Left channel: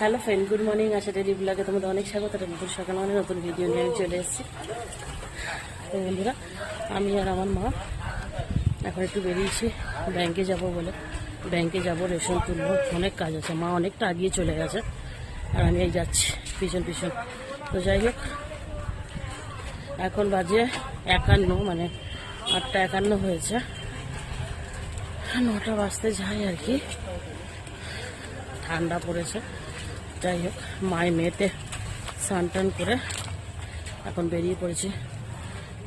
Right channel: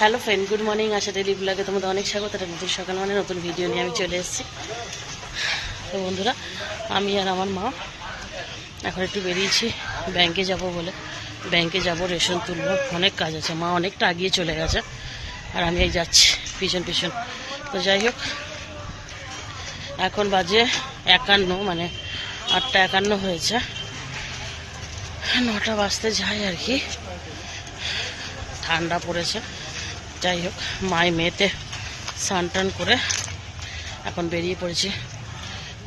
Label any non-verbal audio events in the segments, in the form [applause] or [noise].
Hello friend, good morning. Asha daily ব্লগে তোমাদের অনেক স্বাগত। একটা নতুন সকাল মানে নতুন ভিডিও নিয়ে আমি চলে এসেছি। তো বন্ধুরা, আমি আর আমার মা এখন একটু বেরিয়েছি। ব্যাংকে যাব বলে। ব্যাংকে যাব, রেশন তুলবো। অনেক কাজ আছে। মা অনেকটা আগিয়ে চলে গেছে। আর আমি এই যাচ্ছি, পিছন পিছন। তো যাই হোক, এখন বাজে একান্ন মানে আটটা একান্ন হয়েছে। নটা বাজতে যাই আর কি। ঠান্ডা পড়েছে। যাই হোক মায় মেয়েতে স্নান টান করে এখন বেরিয়ে পড়েছি।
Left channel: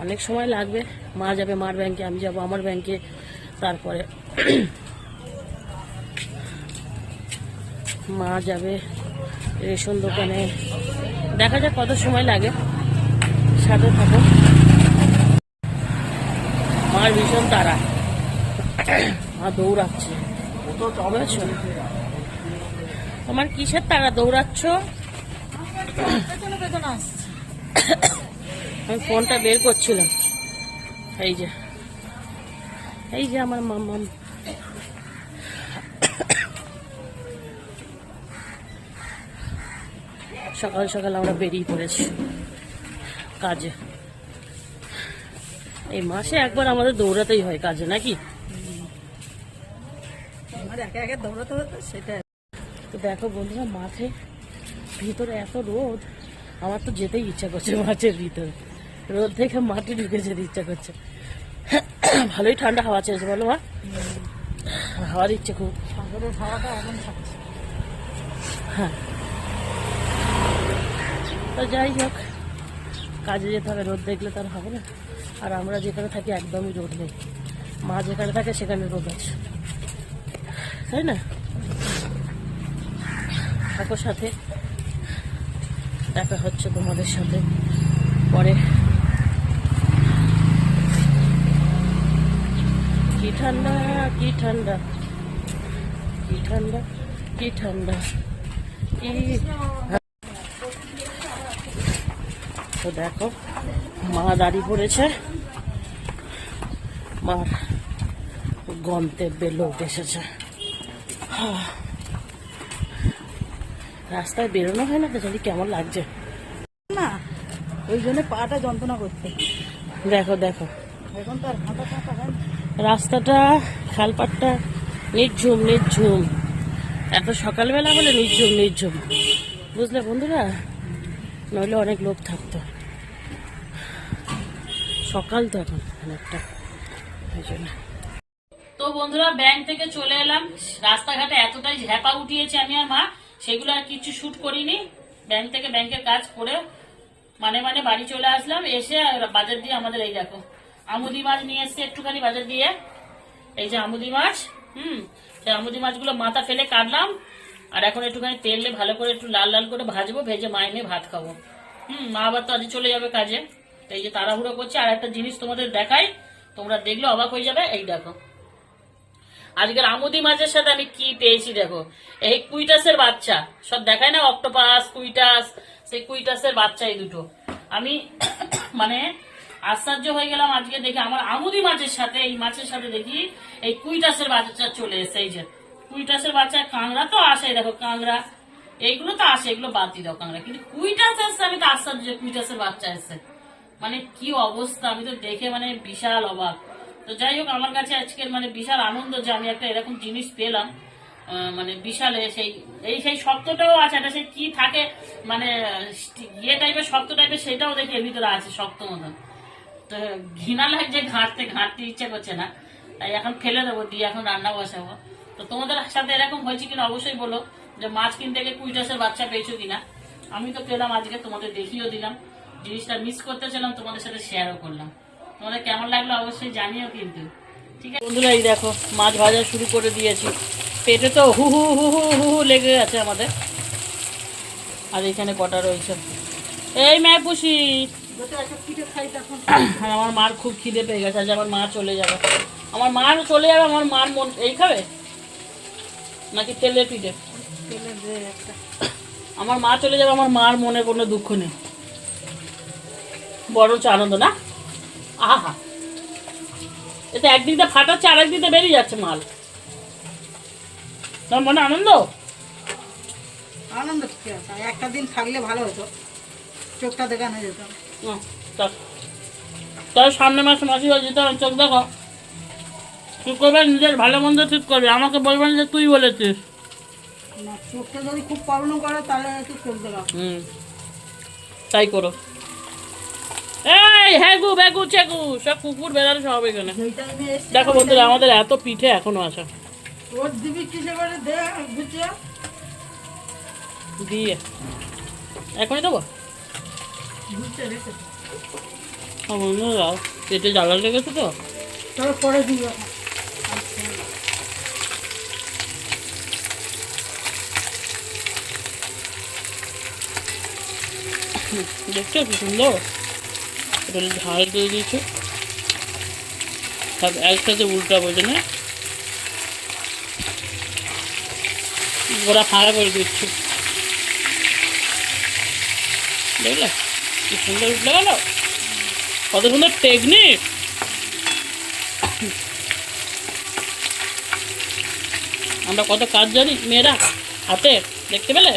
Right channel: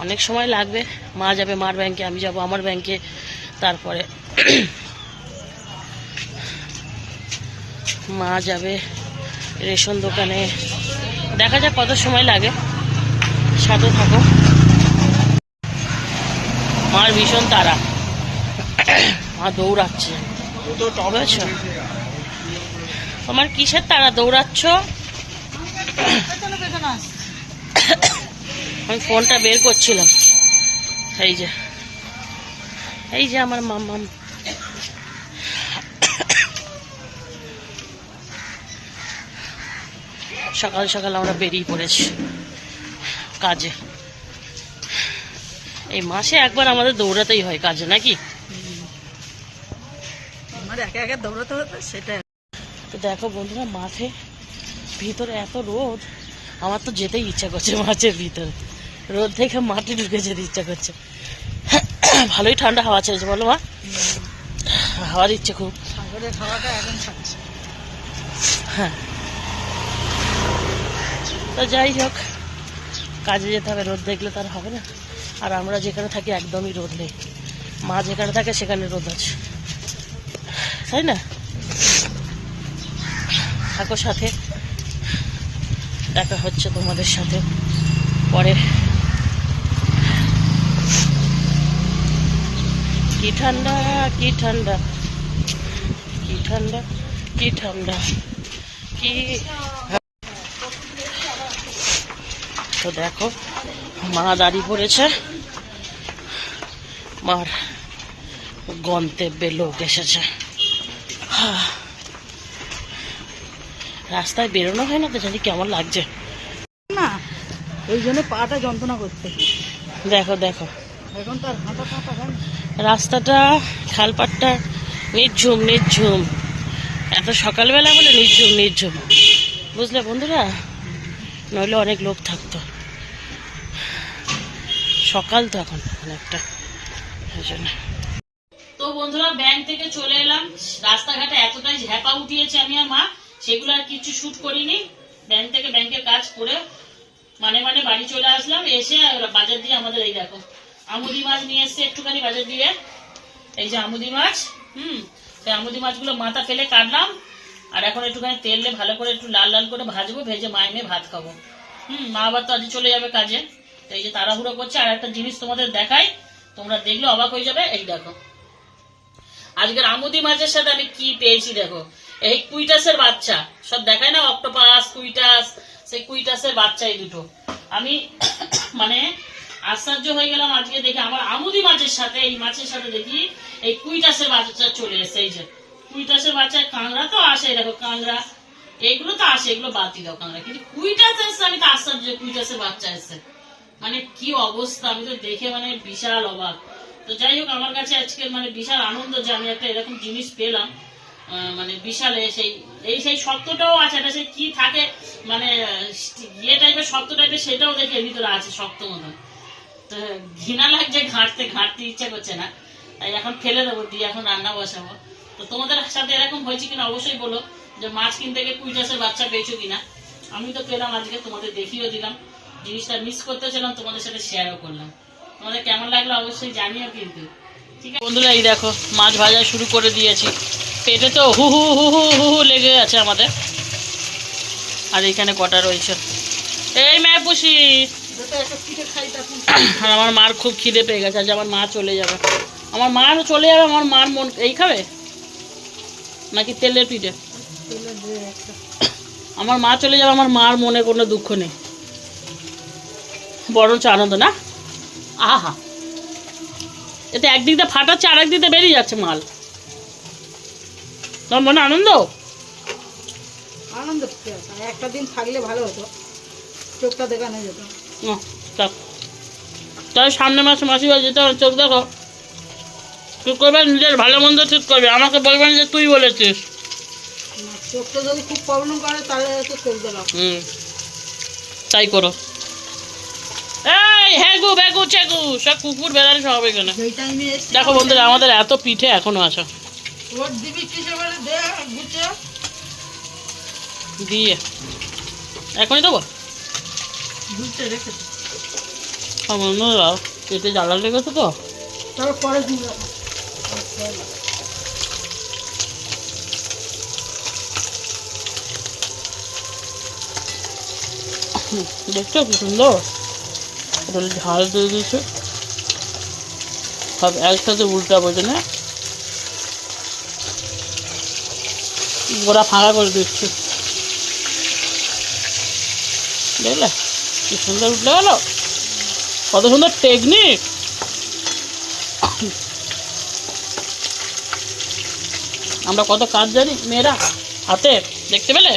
অনেক সময় লাগবে মা যাবে মার ব্যাংকে আমি যাব আমার ব্যাংকে তারপরে মা যাবে রেশন দোকানে। দেখা যাক কত সময় লাগে সাথে থাকো। মার ভীষণ তারা মা দৌড়াচ্ছে। বুঝেছ? তোমার কিসের তারা দৌড়াচ্ছ? আমি ফোনটা বের করছিলাম। এই যে। এই যে আমার মাম্মাম। সকাল সকাল আমরা বেরিয়ে পড়েছি কাজে। এই মাসে একবার আমাদের দৌড়াতেই হয় কাজে, নাকি? আমার দৌড়াতে হতো সেটা তো দেখো বন্ধুরা মাঠে ভিতরে এত রোদ আমার তো যেতেই ইচ্ছা করছে মাছের ভিতরে। রোদ দেখে মাঠে ঢুকে যেতে ইচ্ছা করছে। ভালোই ঠান্ডা হাওয়া ছেড়েছে বলো মা। হাওয়া দিচ্ছে খুব। সাগরের হাওয়াটা এখন থাকছে হ্যাঁ। তো যাই হোক কাজে যেতে হবে রোদ দেখলে তার হবে না। আর আমরা যেখানে থাকি একদমই রোদ নেই। মা যেখানে থাকে সেখানে রোদ আছে। তাই না? থাকো সাথে। দেখা হচ্ছে তোমাদের সাথে পরে কি ঠান্ডা কি ঠান্ডা কি ঠান্ডা কি ঠান্ডা, কি তো দেখো, মা দাঁড়িয়ে পড়েছে মার গন্তব্যে লোক এসেছে। হা। রাস্তায় বেরোনো হয় না তো জানি কেমন লাগছে। না ওই জন্য পাটা যন্ত্রণা করতে দেখো দেখো। এখন তো আর হাঁটা পাটা রাস্তাটা খালপাটটা নির্ঝুম নির্ঝুম। এত সকালবেলা বলে নির্ঝুম নির্ঝুম। বুঝলে বন্ধুরা? নইলে অনেক লোক থাকতো। সকাল তো এখন অনেকটা ওই জন্য। তো বন্ধুরা ব্যাংক থেকে চলে এলাম। রাস্তাঘাটে এতটাই ঝ্যাপা উঠিয়েছে আমি আর মা। সেগুলো আর কিছু শুট করিনি। ব্যাংক থেকে ব্যাংকের কাজ করে মানে মানে বাড়ি চলে আসলাম, এসে বাজার দিয়ে আমাদের এই দেখো, আমুদি মাছ নিয়ে এসছে একটুখানি বাজার দিয়ে। এই যে আমুদি মাছ, হুম, সেই আমুদি মাছগুলো মাথা ফেলে কাটলাম, আর এখন একটুখানি তেলে ভালো করে একটু লাল লাল করে ভাজবো, ভেজে মায়ে মেয়ে ভাত খাব। হুম, মা আবার তো আজ চলে যাবে কাজে। তো এই যে তাড়াহুড়ো করছে, আর একটা জিনিস তোমাদের দেখাই, তোমরা দেখলে অবাক হয়ে যাবে, এই দেখো। আজকের আমুদি মাছের সাথে আমি কি পেয়েছি দেখো এই কুইটাসের বাচ্চা। সব দেখায় না? অক্টোপাস, কুইটাস, সেই কুইটাসের বাচ্চা এই দুটো। আমি [coughs] মানে আশ্চর্য হয়ে গেলাম আজকে দেখি। আমার আমুদি মাছের সাথে, এই মাছের সাথে দেখি এই কুইটাসের বাচ্চা চলে এসে এই যে, কুইটাসের বাচ্চা, কাঁকড়া তো আসে, দেখো কাঁকড়া। এইগুলো তো আসে, এগুলো বাদ দিয়ে দাও কাঁকড়া। কিন্তু কুইটাস এসছে, আমি তো আশ্চর্য কুইটাসের বাচ্চা এসছে। মানে কি অবস্থা, আমি তো দেখে মানে বিশাল অবাক। তো যাই হোক, আমার কাছে আজকে মানে বিশাল আনন্দ যে আমি একটা এরকম জিনিস পেলাম। মানে বিশালে সেই, এই সেই শক্তটাও আছে, এটা সেই কি থাকে মানে ইয়ে টাইপের শক্ত টাইপের সেটাও দেখি, এর ভিতরে আছে শক্ত মতন। তো ঘৃণা লাগছে, ঘাঁটতে ঘাঁটতে ইচ্ছা করছে না। তাই এখন ফেলে দেবো, দিয়ে এখন রান্না বসাবো। তো তোমাদের সাথে এরকম হয়েছে কিনা অবশ্যই বলো, যে মাছ কিনতে গিয়ে কুইটাসের বাচ্চা পেয়েছ কিনা। আমি তো পেলাম, আজকে তোমাদের দেখিয়েও দিলাম। জিনিসটা মিস করতেছিলাম তোমাদের সাথে শেয়ারও করলাম। তোমাদের কেমন লাগল অবশ্যই জানিও কিন্তু। ঠিক আছে? বন্ধুরা, এই দেখো, মাছ ভাজা শুরু করে দিয়েছি। পেটে তো হু হু হু হু হু হু লেগে আছে আমাদের। আর এখানে কটা রয়েছে? এই ম্যায় পুষি আর আমার মার খুব খিদে পেয়ে গেছে, আজ আমার মা চলে যাবে। আমার মা চলে যাবে, আমার মার মন এই খাবে? নাকি তেলের পিঠে? আমার মা চলে যাবে, আমার মার মনে কোনো দুঃখ নেই। বরঞ্চ আনন্দ, না? আহা। এতে একদিক ফাটাচ্ছে আর দিয়ে বেরিয়ে যাচ্ছে মাল। তোমার মনে আনন্দ? আনন্দ কি একটা দিন থাকলে ভালো হতো। চোখটা দেখানো যেত। না চল সামনে মাসে মাসি বাড়ি যেতে চোখ দেখো। তুই করবে নিজের ভালো মন্দ ঠিক করবি। আমাকে বলবেন যে তুই বলেছিস। চোখটা যদি খুব প্রবলেম করে তাহলে তো চোখ দেখাও হুম তাই করো। এই হ্যাগু ব্যাগু চেগু সব কুকুর বেড়ালে সব এখানে। দেখো বন্ধুরা আমাদের এত পিঠে এখনও আছে রোড দিবি কিসে করে দে গুছিয়ে দিয়ে। এখনই দেবো? গুছিয়ে রেখে আমার পেটে জ্বালা লেগেছে তো। পরে দেখছ কি সুন্দর? এটা ঝাল দিয়ে দিয়েছে সব একসাথে উল্টা বোঝে না? গোড়া ফাঁকা করে দিচ্ছি। দেখলে? কি সুন্দর উঠলে গেল? কত সুন্দর টেকনিক আমরা কত কাজ জানি মেয়েরা হাতে দেখতে পেলে?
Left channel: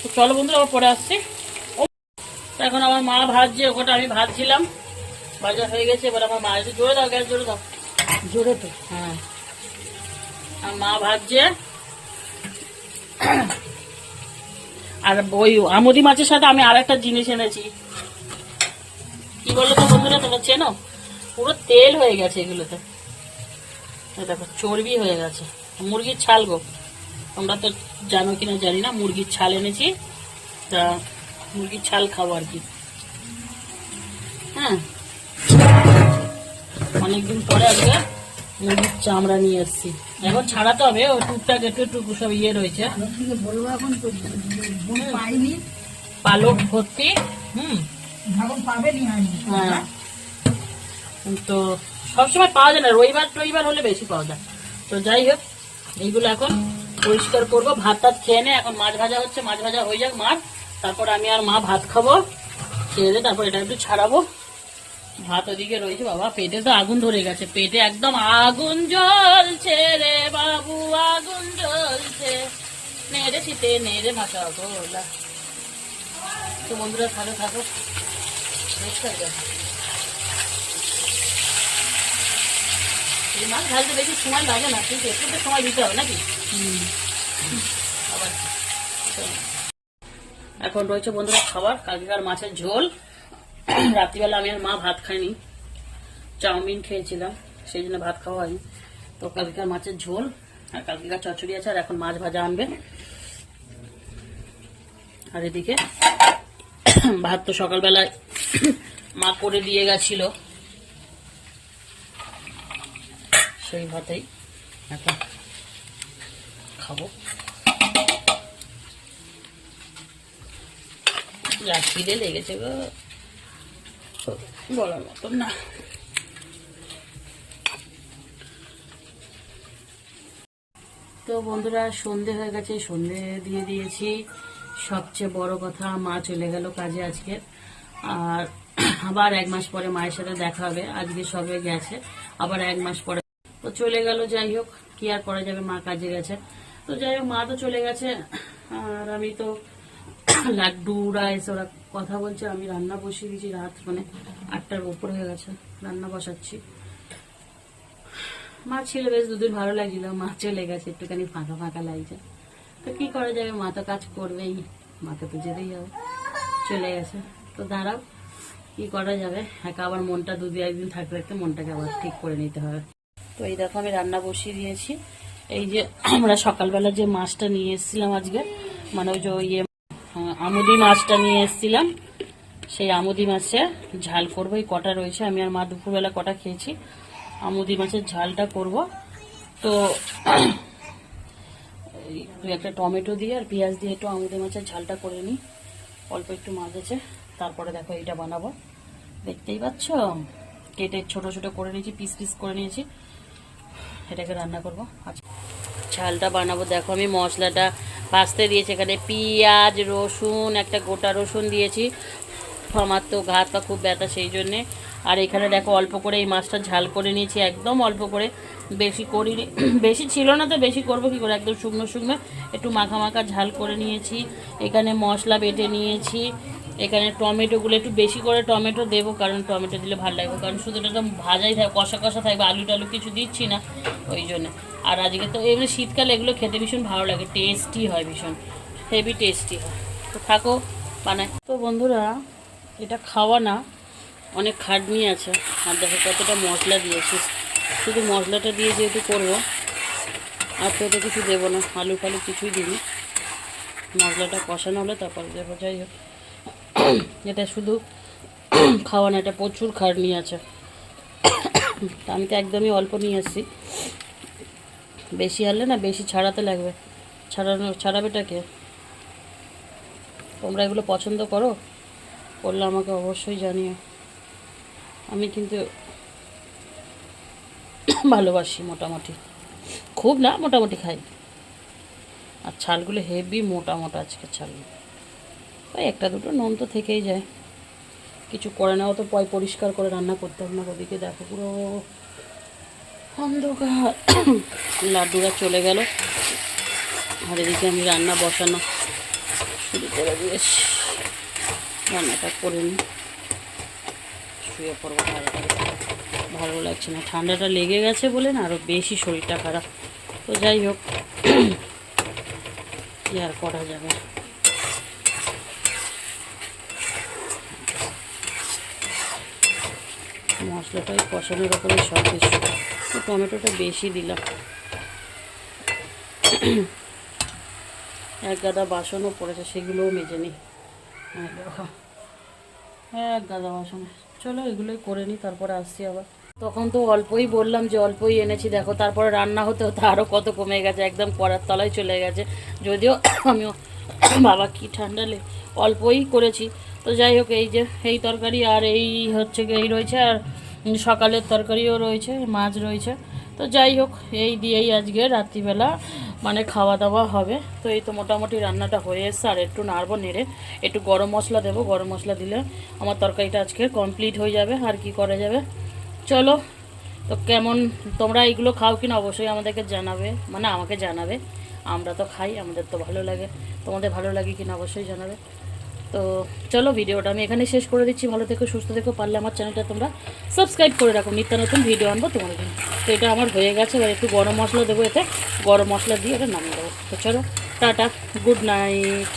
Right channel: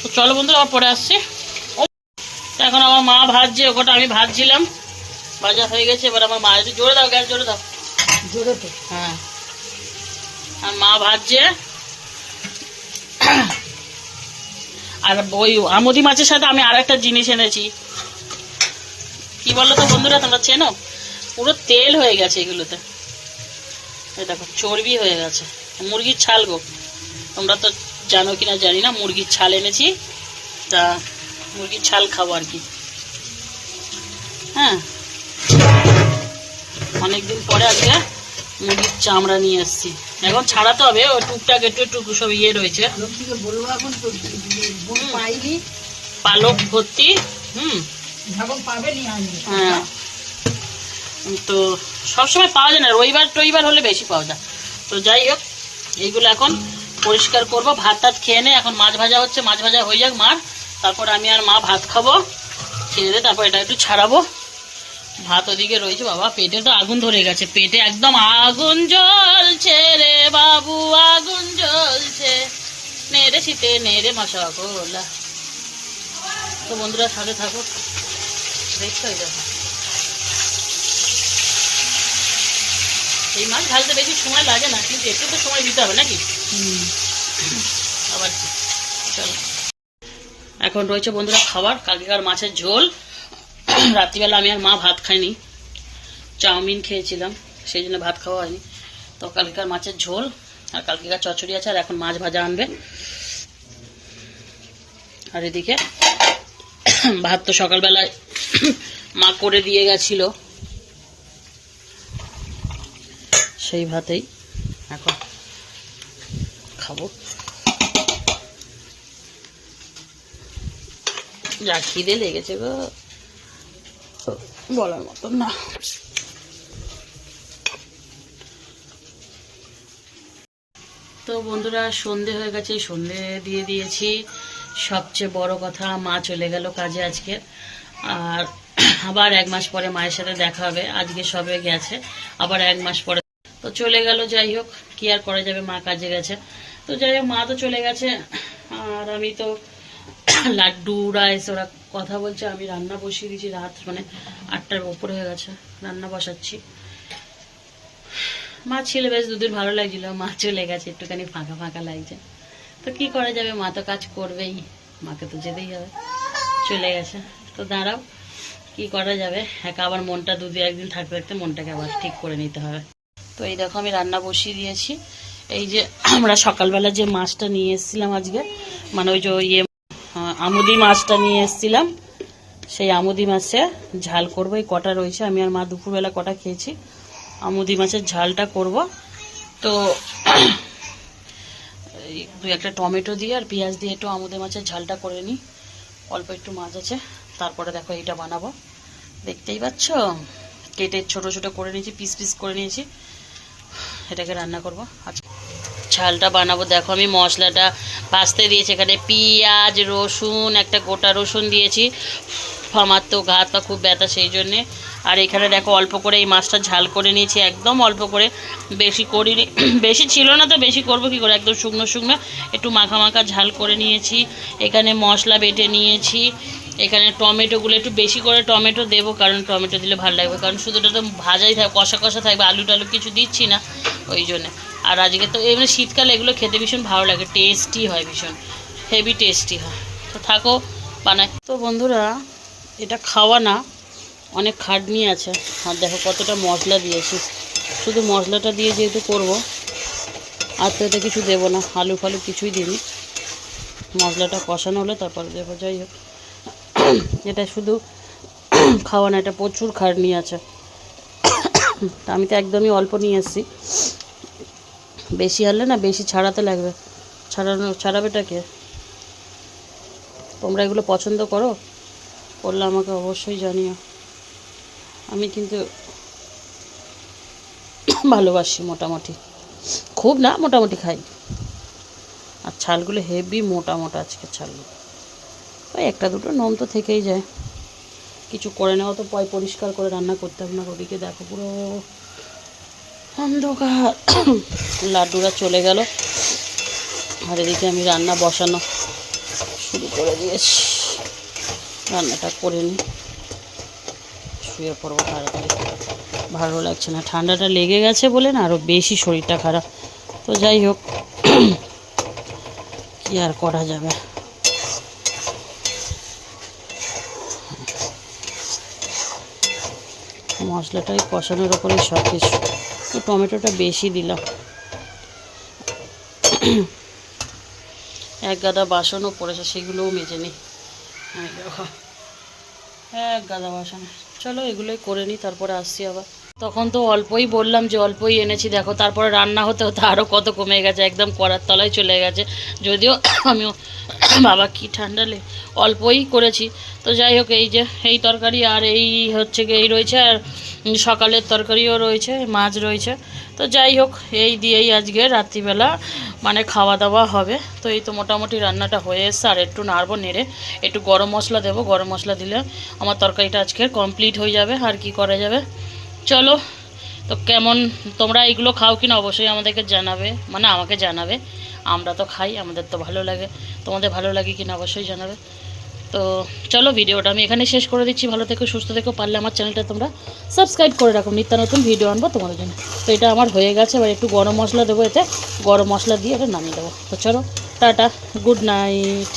তো চলো বন্ধুরা আবার পরে আসছি। ও, এখন আমার মা ভাজছে ওটা আমি ভাজছিলাম। ভাজা হয়ে গেছে এবার আমার মা একটু জোরে দাও গ্যাস জোরে দাও। জোরে তো। হ্যাঁ। আর মা ভাজছে। আর ওই আমুদি মাছের সাথে আমি আর একটা জিনিস এনেছি। কি বলো তো বন্ধুরা, তোমরা চেনো? পুরো তেল হয়ে গেছে এগুলোতে। দেখো, চর্বি হয়ে গেছে। মুরগির ছাল গো। তোমরা তো জানো কিনা জানি না, মুরগির ছাল এনেছি। তা মুরগির ছাল খাব আর কি। হ্যাঁ। অনেকদিন পরে আজকে মুরগির চামড়া নিয়ে এসেছি। এখন ছাড়াতে হবে ও টুকটাক একটু একটু সব ইয়ে রয়েছে। পালক ভর্তি হুম। হ্যাঁ। তো সবসময় পাওয়া যায় না রবিবার টবিবার হলে বেশি পাওয়া যায়। তো যাই হোক এইগুলো এখন পরিষ্কার করব ভাত টাত খেয়ে নে এখন মাছ ভাজা হচ্ছে মাছ ভাজা হয়ে যাক মার তারপর আমি আর মা ভাত খাব খেয়ে দে তারপর এটা একটু ছাড়াবো। ভাত ওদিকে রয়েছে বাবা, পেটে তো আগুন ধরে গেছে, পেটে একদম আগুন জ্বলছে রে বাবু, আগুন জ্বলছে। নেড়ে শীতে নেড়ে মাসা গোলা। তো বন্ধুরা, সাথে থাকো। এই মাছ ভাজতে বেশি সময় লাগে না, কিন্তু একটু তো সময় দিতে হবে নাকি? আবার চলো। এখন রয়েছে বন্ধুরা খাবার, কালকেকার মাছের ঝোল। [coughs] রাত্রিবেলা আমি আর মা ভাত খাইনি। চাউমিন খেয়েছিলাম, সেই জন্য ভাত খাওয়া হয়নি। তো কালকেকার মাছের ঝোল, আর কালকেকার চচড়ি আছে, আর এখন মাছ ভাজা আনবে। আর এদিকে [coughs] ভাত তো সকালবেলায় [coughs] মা করে দিয়ে গেছিল। সেই ভাতেই এখন খাব। যা খিদে লেগেছে গো। বলার মতন না। তো বন্ধুরা, সন্ধে হয়ে গেছে, সন্ধে দিয়ে দিয়েছি। সবচেয়ে বড় কথা, মা চলে গেল কাজে আজকে। আর আবার এক মাস পরে মায়ের সাথে দেখা হবে। আজকে সবে গেছে, আবার এক মাস পরে। তো চলে গেল, যাই হোক, কি আর করা যাবে, মা কাজে গেছে। তো যাই হোক, মা তো চলে গেছে, আর আমি তো লাড্ডুরা এসে, ওরা কথা বলছে, আমি রান্না বসিয়ে দিয়েছি রাত মানে আটটার উপরে হয়ে গেছে, রান্না বসাচ্ছি। মা ছিল, বেশ দুদিন ভালো লাগছিল, মা চলে গেছে, একটুখানি ফাঁকা ফাঁকা লাগছে। তো কি করা যাবে, মা তো কাজ করবেই, মাকে তো যেতেই হবে। চলে গেছে। তো দাঁড়াও, কি করা যাবে? একা আবার মনটা দু একদিন থাকতে থাকতে মনটাকে আবার ঠিক করে নিতে হবে। তো এই দেখো, আমি রান্না বসিয়ে দিয়েছি। এই যে, আমরা সকালবেলা যে মাছটা নিয়ে এসেছিলাম আজকে মানে ওই যে ইয়ে আমুদি মাছটা নিয়ে এসেছিলাম। সেই আমুদি মাছে ঝাল করব, এই কটা রয়েছে। আমি আর মা দুপুরবেলা কটা খেয়েছি, আমুদি মাছের ঝালটা করব। তো দুই একটা টমেটো দিয়ে আর পেঁয়াজ দিয়ে একটু আমুদি মাছের ঝালটা করে নিই। অল্প একটু মাছ আছে, তারপরে দেখো এইটা বানাবো। দেখতেই পাচ্ছ? কেটে ছোট ছোট করে নিয়েছি, পিস পিস করে নিয়েছি। এটাকে রান্না করব। আচ্ছা। ঝালটা বানাবো। দেখো আমি মশলাটা ভাজতে দিয়েছি, এখানে পেঁয়াজ, রসুন, একটা গোটা রসুন দিয়েছি। আমার তো হাত পা খুব ব্যথা সেই জন্যে। আর এখানে দেখো অল্প করে এই মাছটা ঝাল করে নিয়েছি, একদম অল্প করে। বেশি করিনি, [clears throat] বেশি ছিল না তো, বেশি করব কী করে? একদম শুকনো শুকনো, একটু মাখা মাখা ঝাল করে নিয়েছি। এখানে মশলা বেটে নিয়েছি। এখানে টমেটোগুলো একটু বেশি করে টমেটো দেবো, কারণ টমেটো দিলে ভালো লাগবে। কারণ শুধুটা তো ভাজাই থাকবে কষা কষা থাকবে, আলু টালু কিছু দিচ্ছি না। ওই জন্যে। আর আজকে তো এমনি শীতকালে, এগুলো খেতে ভীষণ ভালো লাগে টেস্টি হয় ভীষণ হেভি টেস্টি হয়। তো থাকো, বানাই। তো বন্ধুরা, এটা খাওয়া না, অনেক খাটনি আছে। আর দেখো কতটা মশলা দিয়েছি। শুধু মশলাটা দিয়ে যেহেতু করব, আর তো এতে কিছু দেবো না, আলু ফালু কিছুই দিইনি। মশলাটা কষানো হলে, তারপর দেবো, যাই হোক। এটা শুধু খাওয়া না, এটা প্রচুর খাটনি আছে। আমি তো একদমই অল্প নিয়ে এসেছি। বেশি আনলে না বেশি ছাড়াতে লাগবে। ছাড়ানো ছাড়াবেটাকে তোমরা এগুলো পছন্দ করো? করলে আমাকে অবশ্যই জানিও। আমি কিন্তু ভালোবাসি মোটামুটি। খুব না, মোটামুটি খাই। আর ছালগুলো হেভি মোটা মোটা আজকে ছালগুলো ওই একটা দুটো নোম তো থেকেই যায়। কিছু করে নেওয়া তো, পয় পরিষ্কার করে রান্না করতে হবে না, ওদিকে দেখো পুরো অন্ধকার। লাড্ডুরা চলে গেল। আর এদিকে আমি রান্না বসানো শুরু করে দিয়েছি। রান্নাটা করে নিই। শুয়ে পড়ব তাড়াতাড়ি। ভালো লাগছে না। ঠান্ডাটা লেগে গেছে বলে না আরও বেশি শরীরটা খারাপ। তো যাই হোক, কী আর করা যাবে? মশলাটাই কষানোর ওপরে সব কিছু। তো টমেটোটা বেশি দিলাম। এক গাদা বাসনও পড়েছে, সেগুলোও মেজে নিই এক গাদা বাসন। চলো এগুলোই করে নিই তারপরে আসছি আবার। তখন তো অল্পই বললাম যে অল্পই এনেছি। দেখো, তারপরে রান্না হতে হতে আরও কত কমে গেছে, একদম করার তলায় চলে গেছে। যদিও আমিও বাবা কি ঠান্ডা লে, অল্পই করেছি। তো যাই হোক, এই যে, এই তরকারি আর এই হচ্ছে এই রয়েছে আর সকালের তরকারিও রয়েছে, মাছ রয়েছে। তো যাই হোক, এই দিয়েই আজকে রাত্রিবেলা মানে খাওয়া দাওয়া হবে। তো এই তো মোটামুটি রান্নাটা হয়ে এসছে, আর একটু নাড়বো, নেড়ে একটু গরম মশলা দেবো। গরম মশলা দিলে আমার তরকারিটা আজকে কমপ্লিট হয়ে যাবে, আর কি করা যাবে? চলো, তো কেমন, তোমরা এইগুলো খাও কিনা অবশ্যই আমাদেরকে জানাবে মানে আমাকে জানাবে। আমরা তো খাই, আমাদের তো ভালো লাগে। তোমাদের ভালো লাগে কিনা অবশ্যই জানাবে। তো চলো ভিডিওটা, আমি এখানে শেষ করে দিচ্ছি। ভালো থেকো, সুস্থ থেকো, পারলে আমার চ্যানেলটা তোমরা সাবস্ক্রাইব করে রাখো। নিত্য নতুন ভিডিও আনব তোমার জন্য। তো এটা আমার হয়ে গেছে, এবার একটু গরম মশলা দেবো, এতে গরম মশলা দিয়ে এটা নামিয়ে দেবো। তো চলো, টাটা গুড নাইট